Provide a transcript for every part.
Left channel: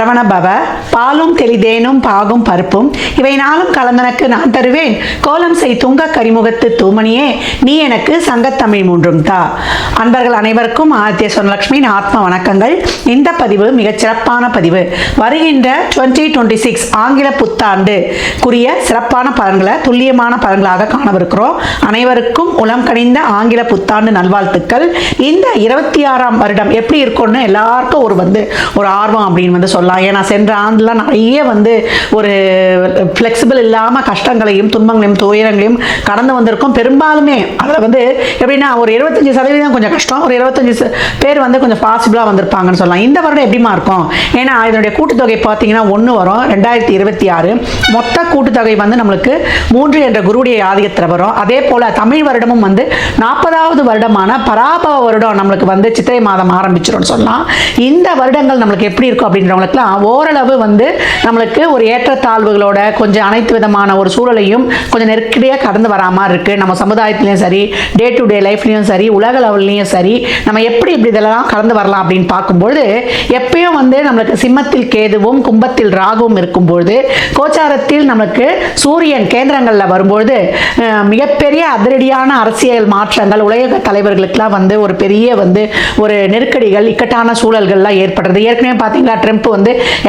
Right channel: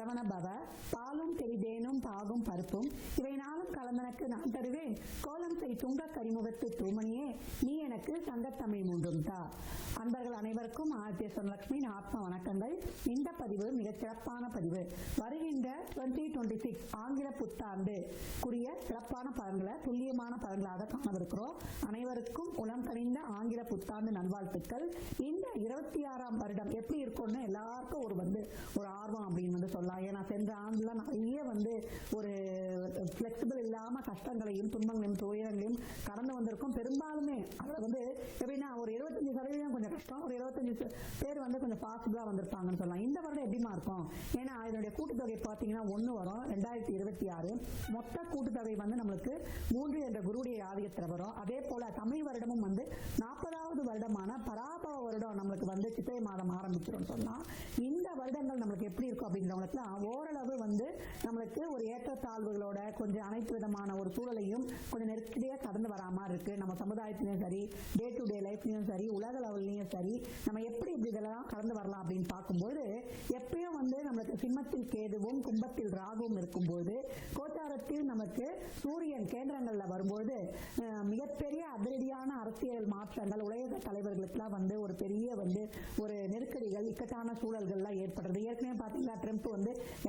சரவண பவ, பாலும் தெளிதேனும் பாகும் பருப்பும் இவை நாளும் கலந்தனக்கு நான் தருவேன், கோலம் செய் துங்க கரிமுகத்து தூமணியே நீ எனக்கு சங்கத்தமிழ் மூன்றும் தா. அன்பர்கள் அனைவருக்கும் ஆதித்ய சொர்ணலட்சுமியின் ஆத்ம வணக்கங்கள். இந்த பதிவு மிகச் சிறப்பான பதிவு. வருகின்ற 2026 ஆங்கில புத்தாண்டுக்குரிய சிறப்பான பலன்களை துல்லியமான பலன்களாக காணவிருக்கிறோம். அனைவருக்கும் உளம் கனிந்த ஆங்கில புத்தாண்டு நல்வாழ்த்துக்கள். இந்த 26ஆம் வருடம் எப்படி இருக்கும்னு எல்லாருக்கும் ஒரு ஆர்வம் அப்படின்னு சொல்லலாம். ஏன்னா சென்ற ஆண்டுலாம் நிறைய ஒரு ஃப்ளெக்சிபிள் இல்லாமல் கஷ்டங்களையும் துன்பங்களையும் துயரங்களையும் கடந்து வந்திருக்கும். பெரும்பாலுமே அதில் எப்படின்னா ஒரு 25% கொஞ்சம் கஷ்டம், ஒரு 25 பேர் கொஞ்சம் பாசிபிளாக வந்திருப்பாங்கன்னு சொல்லலாம். இந்த வருடம் எப்படிமா இருக்கும்? ஏன்னா இதனுடைய கூட்டுத்தொகை பார்த்தீங்கன்னா 1 வரும். 2026 மொத்த கூட்டுத்தொகை நம்மளுக்கு 3 என்ற குருவுடைய ஆதிக்கத்தில் வரும். அதே போல் தமிழ் வருடமும் 40வது வருடமான பராபவ வருடம் நம்மளுக்கு சித்திரை மாதம் ஆரம்பிச்சிடும் சொல்லலாம். இந்த வருடங்கள் நம்மளுக்கு எப்படி இருக்கும் அப்படின்றவங்களுக்குலாம் ஓரளவு நம்மளுக்கு ஒரு ஏற்றத்தாழ்வுகளோட கொஞ்சம் அனைத்து விதமான ஒரு சூழலையும் கொஞ்சம் நெருக்கடியாக கடந்து வரா மாதிரி இருக்கு. நம்ம சமுதாயத்திலையும் சரி, டே டு டே லைஃப்லையும் சரி, உலக லெவல்லையும் சரி, நம்ம எப்படி இதெல்லாம் கடந்து வரலாம் அப்படின்னு பார்க்கும்போது எப்பயும் நம்மளுக்கு சிம்மத்தில் கேதுவும் கும்பத்தில் ராகுவும் இருக்கும்போது கோச்சாரத்தில் நம்மளுக்கு சூரியன் கேந்திரங்களில் வரும்போது மிகப்பெரிய அதிரடியான அரசியல் மாற்றங்கள் உலக தலைவர்களுக்கெல்லாம் ஒரு பெரிய ஒரு நெருக்கடிகள் இக்கட்டான சூழல்கள்லாம் ஏற்படுறது. ஏற்கனவே பார்த்தீங்களா ட்ரம்ப்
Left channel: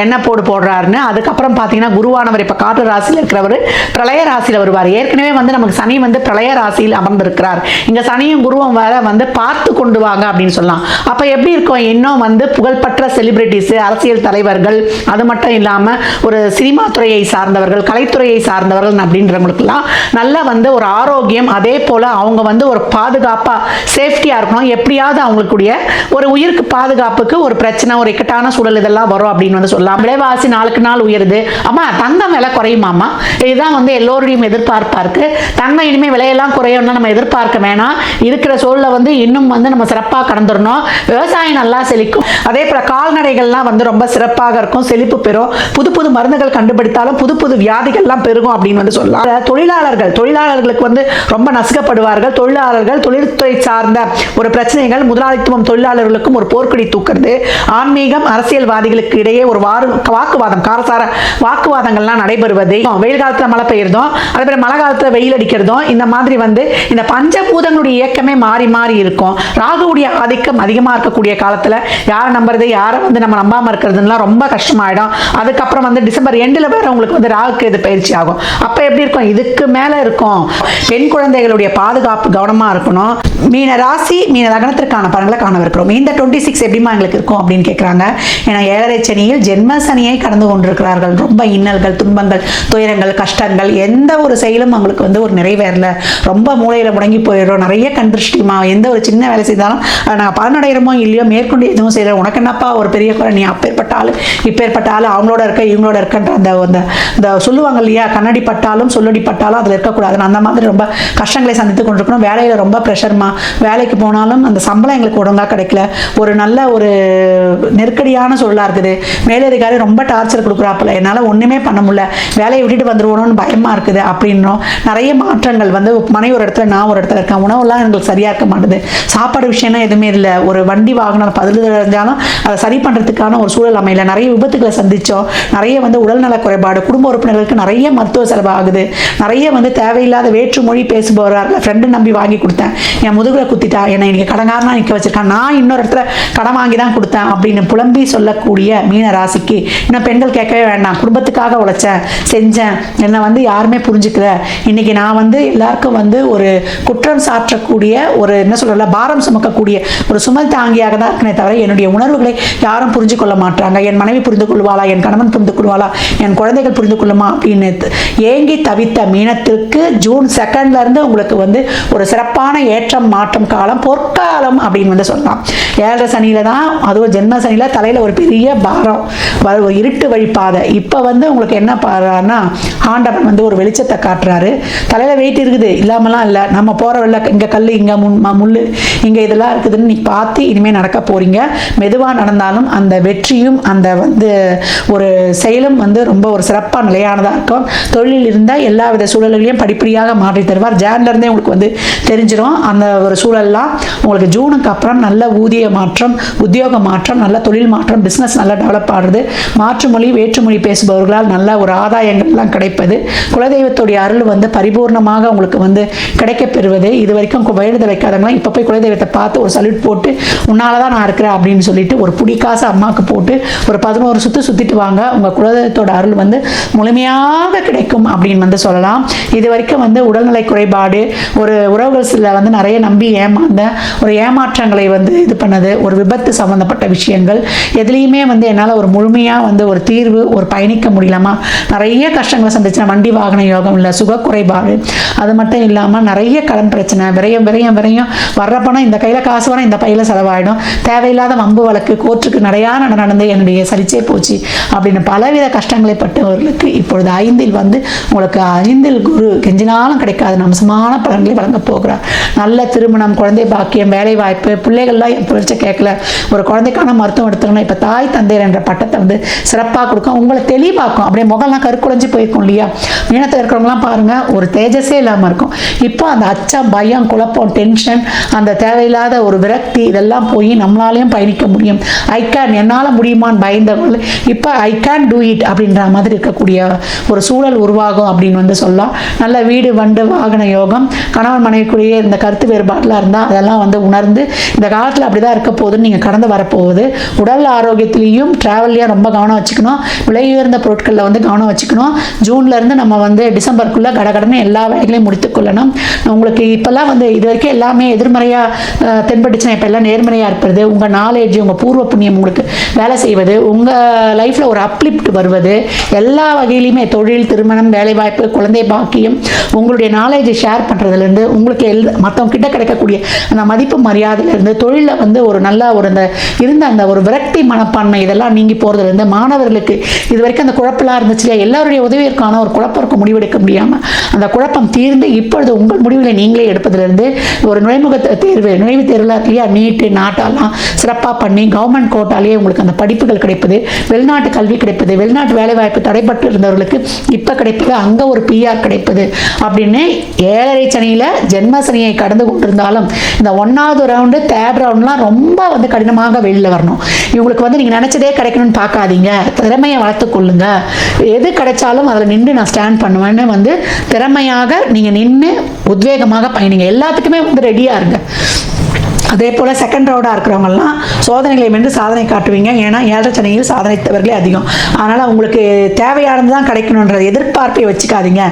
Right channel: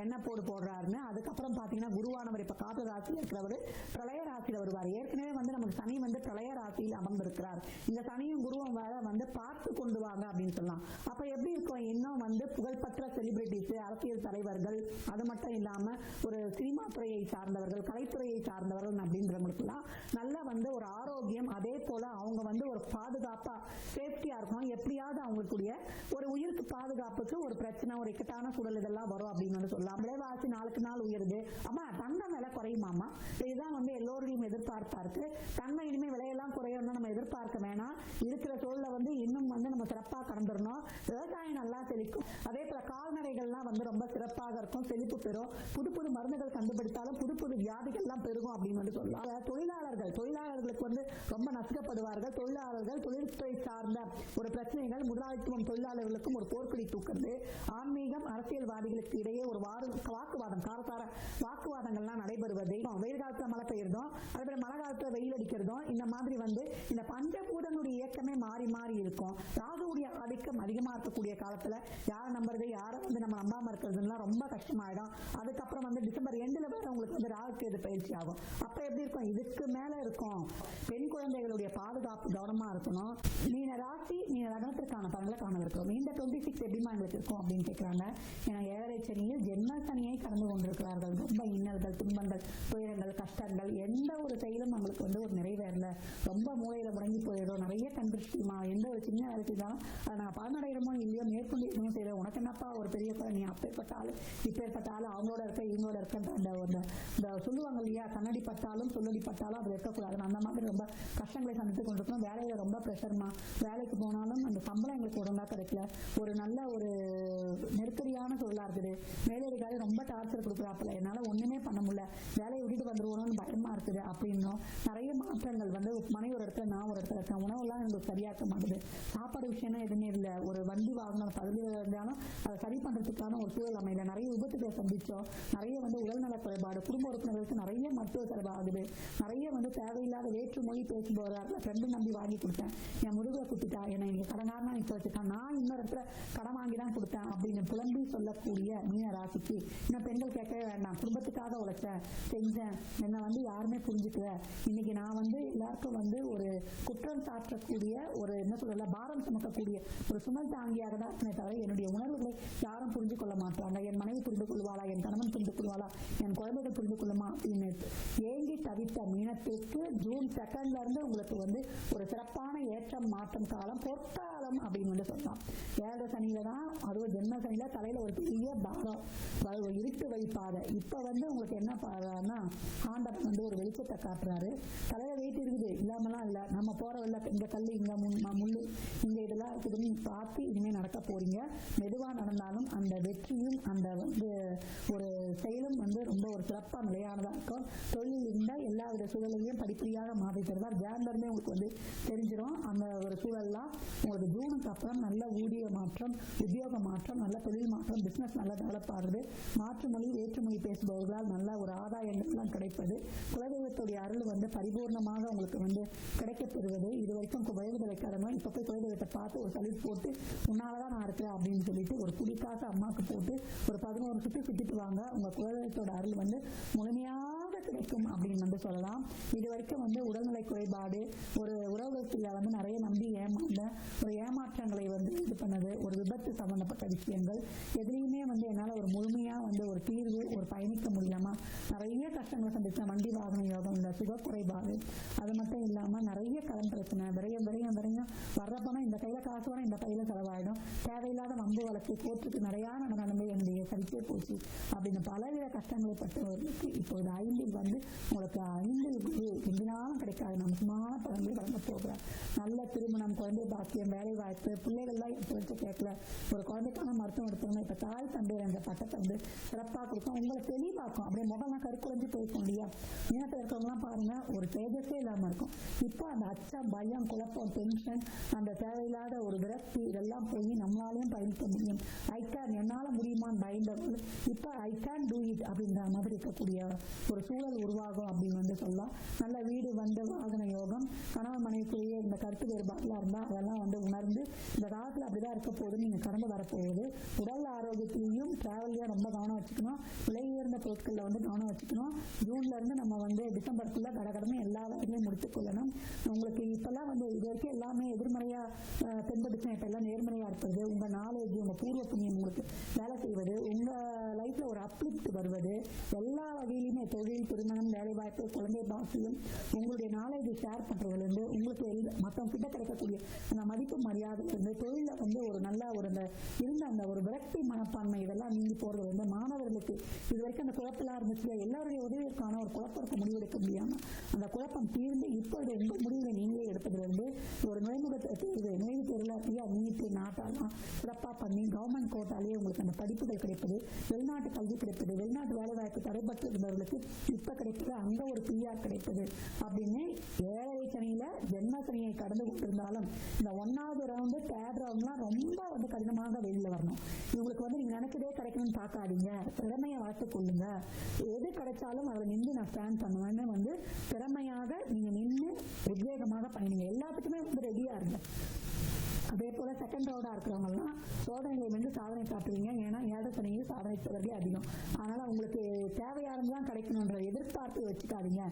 என்ன போடுறாருன்னு. அதுக்கப்புறம் பார்த்தீங்கன்னா குருவானவர் இப்போ காற்று ராசியில் இருக்கிறவர் பிரளய ராசியில் வருவார். ஏற்கனவே நமக்கு சனி பிரளய ராசியில் அமர்ந்திருக்கிறார். இங்கே சனியும் குருவும் வேற பார்த்து கொண்டு வாங்க அப்படின்னு சொல்லலாம். அப்போ எப்படி இருக்கும்? இன்னும் புகழ்பெற்ற செலிபிரிட்டிஸ், அரசியல் தலைவர்கள், அது மட்டும் இல்லாமல் ஒரு சினிமா துறையை சார்ந்தவர்கள், கலைத்துறையை சார்ந்தவர்கள் அப்படின்றவங்களுக்குலாம் நல்ல ஒரு ஆரோக்கியம், அதே போல் அவங்க ஒரு பாதுகாப்பாக சேஃப்டியாக இருக்கணும். எப்படியாவது அவங்களுக்குடைய ஒரு உயிருக்கு பாதுகாப்புக்கு ஒரு பிரச்சனை, ஒரு இக்கட்டான சூழல் இதெல்லாம் வரும் அப்படின்னு சொல்லலாம். விலைவாசி நாளுக்கு நாள் உயருது. அம்மா தங்கம் விலை குறையுமாம்மா? இதுதான் எல்லோருடையும் எதிர்பார்ப்பா இருக்கு. தங்கம் இனிமேல் விலையெல்லாம் குறையும்னு நம்ம எதிர்பார்க்க வேணாம். இருக்கிற சூழலை இன்னும் நம்ம சிறப்பாக கடந்துடணும். விவசாயம் நல்லா செழிக்கும். அதே போல கால்நடைகள்லாம் ரொம்ப சிறப்பாக இருக்கும், செழிப்பு பெறும். புது புது மருந்துகள் கண்டுபிடித்தாலும் புது புது வியாதிகள்லாம் பெருகும் அப்படின்னு சொல்லலாம். தொழிலாளர்களுக்கு ரொம்ப நசுக்கப்படுவார்கள். தொழில்துறை சார்ந்த ஒரு பிரச்சனைகள் முதலாளித்துவம் தொழிலாளர்களுக்கும் ஒரு போர்க்கொடி தூக்குறது. ஆன்மீகம் அரசியல்வாதிகளுக்கு இடையே ஒரு வாக்குவாதம், காரசார வாக்குவாதங்கள்லாம் நடைபெறுவது. வெயில் காலத்துல மழை பெய்யறதும், அதே போல மழை காலத்துல வெயில் அடிக்கிறதும், இந்த மாதிரி இந்த பஞ்சபூதங்களுடைய இயக்கமே மாறி மாறி இருக்கும். ராகுவுடைய ஆதிக்கம் அதிகமா இருக்கக்கூடிய காலத்துல யாரை நம்புறது, யாரை நம்ம நம்பாம இருக்கிறதுலாம் ரொம்ப கஷ்டமாயிடும். அதுக்கப்புறம் டிசம்பர் எண்டில் வேற உங்களுக்கு ராகுக்கு இது பயிற்சி ஆகும். அப்ப எப்படி இருக்கும்? இதுக்கு மேல இருக்கும். பெண் குழந்தைகளுடைய பாதுகாப்பு கவனமா இருக்கணும். மீன ராசி மீன லக்னத்திற்கான பலன்களை காணவிருக்கிறோம். இந்த 26 எப்படிமா எங்களுக்கு இருக்கும் அப்படின்னு கேட்குறாங்க. ஏன்னா 7.5 சனியில் ஜென்ம சனியை கடந்து கொண்டிருக்கிறார்கள். ரொம்ப இன்னல்கள், துன்பங்கள், துயரங்கள், கஷ்டங்கள், எந்த ஒரு செயலும் அவங்களுக்கு ஒரு நிறைவேறல. ரொம்ப மூளையில முடங்கி போயிடும். நிறைய கண்திருஷ்டிமா, எந்த ஒரு சின்ன வேலை செய்தாலும் நாங்கள் பலனடைகிறோமோ இல்லையோ மேற்கொண்டு எதுவும் செய்யறோம். உனக்கு என்னப்பா ஒரு பெரிய குறை, நீ அப்பேற்பட்டாலும் இப்பேற்பட்டாலும் அவங்களோட இருக்க இவங்களோட இருக்கன்ற அந்த சொல்லுவாங்க இல்லையா, கண்ணடி பட்டாலும் சொல்லடி பட்டாலும் அதில் இருக்கக்கூடாது. அந்த மாதிரி ரொம்ப கஷ்டங்களை சந்தித்து கொண்டிருக்கணும். வேலையில் ரொம்ப ப்ரெஷர்மா, வேலைக்கு போனாலும் அந்த சம்பளம் எங்களுக்கு ஒழுங்காக கிடைக்கல. ஒரு நல்ல ஒரு நெருக்கடியான சூழலாக இருக்குது. மேலதிகாரி ரொம்ப டார்ச்சர் கொடுக்குறாப்புல, என்னால் ஒன்றுமே பண்ண முடியல, வேலையை விட்டுட்டு வந்துடுவோன்னு பயமாக இருக்குது அப்படின்னும் நிறைய மாற்றங்கள் மனை ஒரு இடத்துல, நான் ஒரு இடத்துல இருக்கேன். உணவுலாம் எங்களுக்கு சரியாக இருக்க மாட்டுது. சாப்பாடு விஷயம்னா எதுவுமே இல்லை. ஒரு வண்டி வாகனம் பதில் தெரிஞ்சாலும் அதை சரி பண்ணுறதுக்கான ஒரு சூழல் அமையல. நிறைய விபத்துக்களை சந்தித்தோம். நிறைய உடல்நல குறைபாடு, குடும்ப உறுப்பினர்களுக்கு நிறைய மருத்துவ செலவு ஆகுது. நிறைய தேவையில்லாத வேற்று மொழி பேசுபவர்கள் ஃப்ரெண்டு நம்பி வாங்கி கொடுத்தேன், என் முதுகுல குத்திட்டா, என்னை இன்னைக்கு கடங்காரனா நிற்க வச்சிருக்கான், நான் இன்னொரு இடத்துல கடன் வாங்கி தான் கொடுத்தேன் அப்படின்னு புலம்பி சொல்லக்கூடிய மீன ராசிக்கு இன்னும் பெண்கள் கேட்கவே வேண்டாம். குடும்பத்துக்காக உழைச்சேன், செஞ்சேன், என்னை யாருமே புரிஞ்சுக்கல. இன்னைக்கு நான் எல்லாருக்கும் ஒரு குற்றம் சாற்றக்கூடிய ஒரு என்ன சொல்றல பாரம் சுமக்கக்கூடிய ஒரு சுமல் தாங்கியாக தான் இருக்கனே தவிர என்னுடைய உணர்வுகளை யாரும் புரிஞ்சு கொள்ள மாட்டாங்க. என் மனைவி புரிந்து கொள்வாளா, என் கணவன் புரிந்து கொள்வாளா, என் குழந்தைகள் புரிந்து கொள்ளுமா அப்படின்னு ஏங்கி தவித்த மீனத்திற்கு ஜூன் 2 இருந்து உங்களுக்கு ஒரு சிறப்பான ஏற்றம் மாற்றம் காலம், பொற்காலம் அப்படின்னு சொல்லலாம். 7.5 சனியில தான், அதுவும் ஜென்ம சனியில தலையில ஒரு பெரிய பாரம், ஒரு இருட்டு வழிப்பாதை. இப்ப உங்களுக்கு என்ன பாருன்னா ஆண்டவன் ஒரு வெளிச்சத்தை காட்டுறாரு. தலையில வெயிட் இருக்குது, இல்லாமலாம் இல்லை. நம்ம போற வெள்ள இங்க கல், இங்க முள்ளு, இங்க இதெல்லாம் இருக்குதுன்னு நீ பார்த்து இனிமே நடக்க போறீங்க. மெதுவா நடந்தாலும் அந்த வெற்றியும் அந்த ஒரு செயலும் ரொம்ப ஒரு சிறப்பான நிலையானதாக இருக்கும். தொழிலில் இருந்தால் எல்லா வித சூழல்களையும் படிப்படியாக மாற்றி தருவார். ஜான்ல இருந்தே உங்களுக்கு தெரிஞ்சிடும் அந்த ஒரு சூழல்லாம். உங்களுக்கு ஜூனுக்கு அப்புறம் நல்ல ஊதிய மாற்றம், உத்தியோக மாற்றம், நல்ல தொழில் மாற்றம், பிசினஸ் நல்ல டெவலப் ஆகுது. மாற்று மொழி வேற்றுமொழி பேசுபவர்களால் நல்ல ஒரு ஆதாயங்கள்லாம் கிடைப்பது, குலதெய்வத்துடைய அருள் வந்து பரிபூர்ணமாக உங்களுக்கு வந்து கிடைக்கப் பெறுவது. இது வரைக்கும் வேண்டுதல் வைக்காதவங்களாம் இப்போ போய் குலதெய்வத்தை பார்த்து ஒரு சல்யூட் போட்டு உன்னால தான் நான் இருக்கிறேன் அப்படின்னு சொல்லிட்டு ஒரு புடிக்காசு அம்மாவுக்கு போட்டு ஒரு 11 சுத்திட்டு வாங்க. உங்கள் குலதெய்வத்தோட அருள் வந்து முழுமையாக கிடைக்கும் அப்படின்னு வந்து சொல்லலாம். இது வரைக்கும் வந்து உடல்நிலை குறைபாடு, ஒரு உறவுகள் சில வந்து நிறைய நம்பி ஏமாந்த ஒரு ஏமாற்றங்களை வந்து இது பண்ணது, ஒரு விபத்து சம்மந்தப்பட்ட விஷயங்கள் எதுலேயுமே வந்து என்னால் ஒரு முழுமையாக வந்து ஒரு தீர்வு ஒரு பயணிக்க முடியலாமா, நிறைய கஷ்டங்களை சந்திச்சேன். வண்டி வாகன யோகம் இல்லை, சுக குறைபாடு, அது மட்டும் இல்லாமல் நிறைய கடன் பிரச்சனை, விரயம் விரயம் விரயம், வர்ற பணம் இந்த கையில் காசு வர இந்த பையில் செலவாயிடும், தேவையில்லாத வம்பு வழக்கு, கோர்ட்டுக்கு நிறையா நடந்து என்னுடைய சலிச்சே போச்சு அப்படின்னு பலவித கஷ்டங்களை பட்டவர்களுக்கு இப்பொழுது 5 வந்து உங்களுக்கு 5 குரு கெஞ்சினாலும் கிடைக்காது அம்சமான பலன்களை வழங்க போகிறார். நல்ல திருமணம், குழந்தை பாக்கியம், வேலை வாய்ப்பு, பிள்ளைகள்லாம் என் புரிச்ச கேட்கல, ஒரு குழந்தைக்கான மருத்துவம் எடுத்துக்கணும், இப்போ தாய் தந்தையர் என்ற பட்டத்தை வந்து சிறப்பாக கொடுக்கும், உங்களை தெளிவாக்கும். அப்படியே முகம்லாம் கருக்குலைஞ்சு போயிருக்கும் இல்லையா, மீனத்தில் இருக்கிறவங்களாம் பாருங்க ஒரு தேஜஸே இல்லாமல் இருக்கும். இப்போ அந்த அச்சம், பயம், குழப்பம், டென்ஷன், அந்த தேவையில்லாத ஒரு விரக்தி இதெல்லாம் போய் நம்மளாலையும் பயணிக்க முடியும். ஐ கேன், என்னால் முடியுமான்னு பயந்தவர்கள் இப்போ ஐ கேன் டூ இட் அப்படின்ற மாதிரி இருக்கக்கூடிய ஒரு சூழல் உருவாகும் அப்படின்னு வந்து சொல்லலாம். நல்ல வீடு வண்டு வாகன யோகம், கணவன் மனைவிக்குரிய இந்த கருத்து வேறுபாடுலாம் இருந்தால் அதெல்லாம் வந்து உணர்ந்து இந்த காலத்தில் அப்படி தான் இருக்க போகுதுன்னு நீங்கள் கடந்து வரப்போகுது. உடல் ஆரோக்கியத்திலையும் ட்ராவல்லையும் ரொம்ப கவனம் வச்சுக்கணும். விலை உயர்ந்த பொருட்களில் வந்து கவனம் வச்சுக்கணும். ஜூன்லேருந்து நம்ம வந்து டிசம்பருக்குள்ளே கடகடன்னு எல்லா வேலைகளையும் முடித்துக்கொள்ளணும். உங்களுக்கு இப்போல்லாம் வந்து இது வரைக்கும் எல்லாமே எதிர்மறையாக தென்பட்டுச்சுன்னா இப்போ எல்லாம் நேர்மறையாக இருப்பது, உங்கள் நாலேஜ், உங்கள் பூர்வ புண்ணியம் உங்களுக்கு வேலை செய்வது, உங்கள் லைஃப்பில் ஒரு அப்லிப்ட் வருவது, எல்லா வகையிலையுமே தொழில், திருமணம், வேலைவாய்ப்பு, குழந்தை பாக்கியம், உங்களுடைய நாலேஜை ஷேர் பண்ணுறதுலேருந்து உங்களுக்கு மற்றவங்க கிட்ட கிடைக்கக்கூடிய அந்த மதிப்பு மரியாதையிலேருந்து தொழிலில் வந்து ஒரு நல்ல ஒரு அந்த இருந்த அந்த ஒரு விரக்தி மனப்பான்மை இதெல்லாம் நீங்கி போகிறதுலேருந்து மாணவர்களுக்கு இது வரைக்கும் அந்த குழப்பெல்லாம் இருந்துச்சு இல்லையா, எல்லாருடைய உதவியிற்கான ஒரு குழப்பம் முடிவெடுக்க முடியாமல் அந்த குழப்பம் தீர்ந்து இப்பொழுது உங்கள் முடிவில் நீங்களே எடுப்பதிலிருந்து ஒரு நுழைவுத் தேர்வுலாம் இல்லையா, நீட்டு நாட்டாலாம் சிறப்பாக பண்ணி கவர்மெண்ட் கோட்டாலேயே உங்களுக்கு அந்த படிப்புகள் கிடைப்பது, வெளிநாட்டு கல்வி கிடைப்பது, வெளிநாட்டு வேலைவாய்ப்பு தடைப்பட்டு இருந்தவர்களுக்கு இப்போ கிடைப்பது, அங்கே ஒரு பிஆர் கிடைப்பது அப்படின்னு 7.5 சனியில் ஜென்ம சனியை கடந்து கொண்டிருந்தாலும் இந்த 1வது ரவுண்டு 3rd ரவுண்ட்லாம் ரொம்ப வந்து கடினமாக வெளியில் வரணும். இவங்களுக்கு வந்து நீங்கள் நினச்சதே கிடைக்கணும்னு பார்க்காதீங்க, திறமையை வளர்த்துக்கொள்ளுங்க. எது கிடைச்சாலும் அதில் நின்று நான் ஸ்டாண்ட் பண்ணுவேன்னு வந்து திறமையாக நீங்கள் நின்று உத்வேகமாக பயணிங்க. எல்லாத்துக்குமே வந்து ரெடியாக இருங்க. அதே போல் செகண்ட் ரவுண்டாக இருக்கிறவங்கலாம் சோதனைகளை வென்று சாதனை காட்டுவீங்க. ஏன்னா 7.5 சனியில் சாதனைத்தவர்களே அதிகம். அதனால் உங்களுக்கு தேவையானது தான் கிடைக்கணுன்ற எதிர்பார்ப்பை வச்சுக்காதீங்க.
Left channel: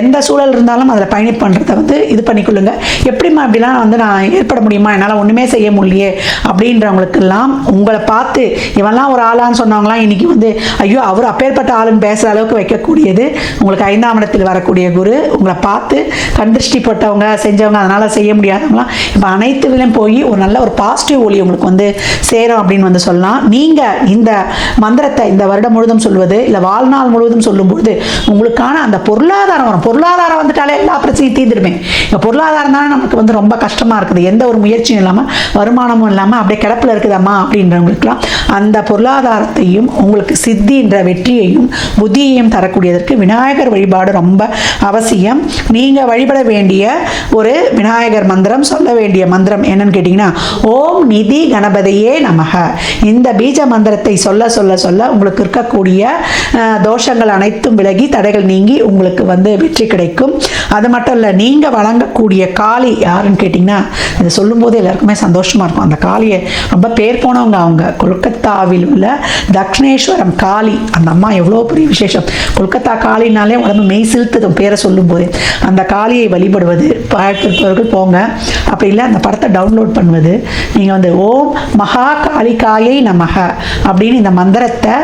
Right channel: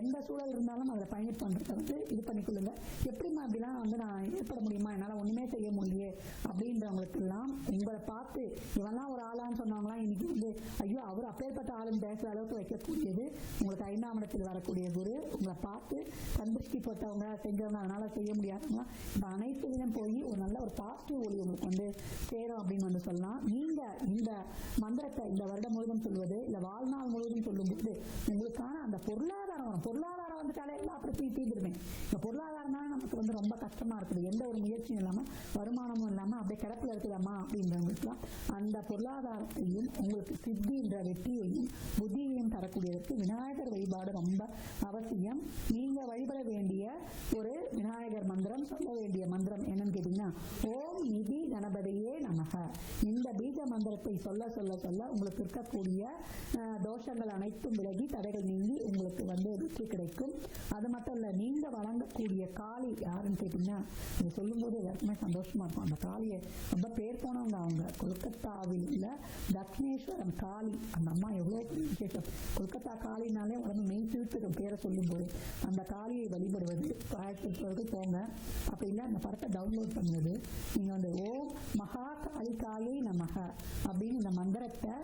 எந்த சூழல் இருந்தாலும் அதில் பயணம் பண்ணுறதை வந்து இது பண்ணிக்கொள்ளுங்க. எப்படிமா அப்படிலாம் வந்து நான் ஏற்பட முடியுமா, என்னால் ஒன்றுமே செய்ய முடியலையே அப்படின்றவங்களுக்கெல்லாம் உங்களை பார்த்து இவெல்லாம் ஒரு ஆளான்னு சொன்னவங்களாம் இன்றைக்கி வந்து ஐயோ அவர் அப்பேற்பட்ட ஆளுன்னு பேசுகிற அளவுக்கு வைக்கக்கூடியது உங்களுக்கு 5ஆம் இடத்தில் வரக்கூடிய குரு. உங்களை பார்த்து கண்திருஷ்டி போட்டவங்க செஞ்சவங்க அதனால் செய்ய முடியாதவங்களாம் இப்போ அனைத்துலையும் போய் ஒரு நல்ல ஒரு பாசிட்டிவ் ஒளி உங்களுக்கு வந்து சேரும் அப்படின்னு வந்து சொல்லலாம். நீங்கள் இந்த மந்திரத்தை இந்த வருடம் முழுவதும் சொல்வது இல்லை வாழ்நாள் முழுவதும் சொல்லும்போது உங்களுக்கான அந்த பொருளாதாரம் வரும். பொருளாதாரம் வந்துட்டாலே எல்லா பிரச்சனையும் தீர்ந்துடுமே. இப்போ பொருளாதாரம் தானே நமக்கு வந்து ரொம்ப கஷ்டமாக இருக்குது, எந்த ஒரு முயற்சியும் இல்லாமல் வருமானமும் இல்லாமல் அப்படியே கிடப்பில் இருக்குதம்மா அப்படின்றவங்களுக்குலாம் அந்த பொருளாதாரத்தையும் உங்களுக்கு சித்தின்ற வெற்றியையும் புத்தியையும் தரக்கூடியதற்கு விநாயகர் வழிபாடு ரொம்ப அவசியம். நீங்கள் வழிபட வேண்டிய ஒரு விநாயகர் மந்திரம், சொல்ல வேண்டிய மந்திரம் என்னன்னு கேட்டீங்கன்னா ஓம் நிதி கணபதியே நமக. இந்த பீஜ மந்திரத்தை சொல்ல சொல்ல சொல்ல உங்களுக்கு இருக்கக்கூடிய தோஷங்கள் அனைத்தும் விலகி தடைகள் நீங்கி உங்களுக்கு வந்து வெற்றி கிடைக்கும். அது மட்டும் இல்லை, நீங்கள் வழங்கக்கூடிய காளி யாருன்னு கேட்டிங்கன்னா இதை சொல்லும்போது எல்லாருக்குமே சந்தோஷமாக இருக்கும். அந்த காளியை ரொம்ப பேர் போனவங்க அவங்க கொல்கத்தாவில் உள்ள தக்ஷணேஸ்வரம் காளி. அந்த அம்மா எவ்வளோ பெரிய விசேஷம். கொல்கத்தா காளினாலே உடம்பு மெய் சிலுத்துதும் பேரை சொல்லும்போது. அந்த காளியை வழிபடுவது பார்க்கிறவர்கள் போங்க, அப்படி இல்லை அந்த படத்தை டவுன்லோட் பண்ணுவது. நீங்கள் வந்து ஓம் மகா காளிகாயை நமக அப்படின்னு இந்த மந்திரத்தை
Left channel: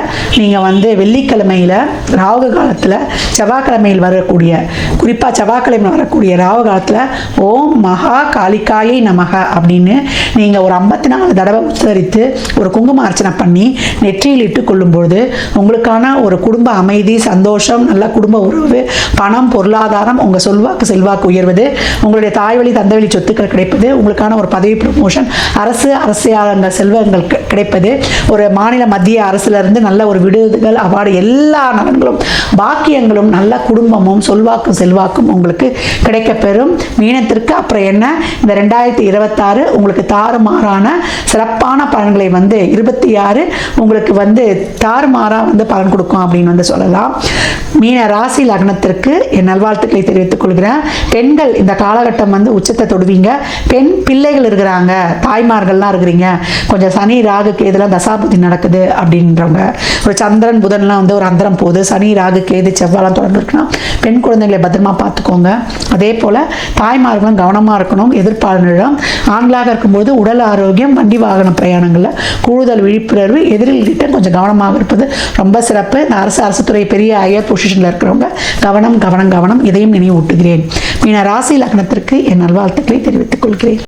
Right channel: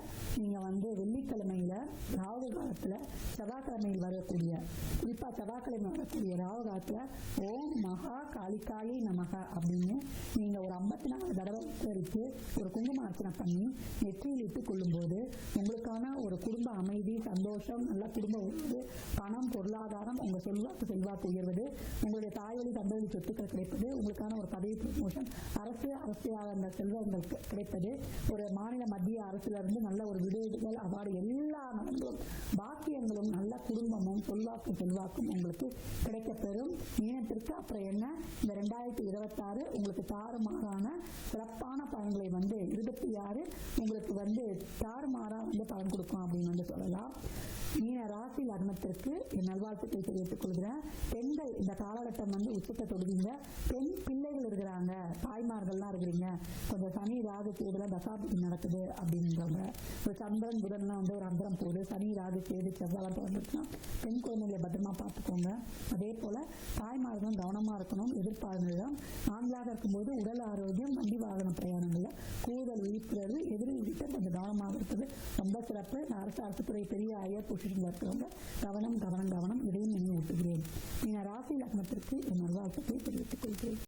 நீங்கள் வந்து வெள்ளிக்கிழமையில் ராகு காலத்தில் செவ்வாய்க்கிழமையில் வரக்கூடிய, குறிப்பாக செவ்வாய்க்கிழமை வரக்கூடிய ராகு காலத்தில் ஓம் மகா காளிகாயை நமக அப்படின்னு நீங்கள் ஒரு 54 தடவை உச்சரித்து ஒரு குங்கும அர்ச்சனை பண்ணி நெற்றியில் இட்டு கொள்ளும்பொழுது உங்களுக்கான ஒரு குடும்ப அமைதி, சந்தோஷம், நல்ல குடும்ப உறவு, பணம், பொருளாதாரம், உங்கள் செல்வாக்கு உயர்வது, உங்களுடைய தாய் வழி தந்தை வழி சொத்துக்கள் கிடைப்பது, உங்களுக்கான ஒரு பதவி ப்ரமோஷன், அரசியல் செல்வங்கள் கிடைப்பது, ஒரு மாநில மத்திய அரசிலிருந்து நல்ல ஒரு விடுதல் அவார்டு, எல்லா நலன்களும் பாக்கியங்களும் நல்ல குடும்பமும் சொல்வாக்கும் செல்வாக்கும் உங்களுக்கு கிடைக்கப்பெறும். மீனத்திற்கு அப்புறம் என்ன, இந்த 2026 உங்களுக்கு தாறுமாறான சிறப்பான பலன்களை 26 உங்களுக்கு தாறுமாறா பலன் கொடுக்கும் அப்படின்னு சொல்லலாம். மீன ராசி லக்னத்திற்கு என் நல்வாழ்த்துக்களை தெரிவித்துக் கொள்கிறேன். பெண்கள் இந்த காலகட்டம் உச்சத்தை தொடுவீங்க. பெண் பிள்ளைகள் இருக்கிறாங்க, தாய்மார்கள்லாம் இருக்கிறீங்க, கொஞ்சம் சனி ராகு கேதுலாம் தசாபுத்தி நடக்குது அப்படின்றவங்க, ஒரு சந்திரன் புதன்லாம் ஒரு அந்தரம் போகுது, சனி ராகு கேது செவ்வாலாம் தொடர்ந்து இருக்குன்னா பெண் குழந்தைகளை பத்திரமா பார்த்துக்கோங்க. அதே போல் தாய்மார்களும் கவனமாக இருக்கணும். எதிர்ப்பாளர்களிடம் ஆண்களாக இருக்கும்போது உடல் ஆரோக்கியம், வண்டி வாகன பிரயாணங்களில் கூடுதல் விழிப்புணர்வு, எதிரில்கிட்ட கொஞ்சம் கவனமாக இருப்பது ரொம்ப சிறப்பு. இந்த அரசு துறை பெரிய ஹையர் பொசிஷனில் இருக்கிறவங்க கவனம் கவனம் கவனம், இதையும் நினைவூட்டுகிறேன். மீன ராசி லக்னத்திற்கு என் நல்வாழ்த்துக்களை தெரிவித்துக் கொள்கிறேன்.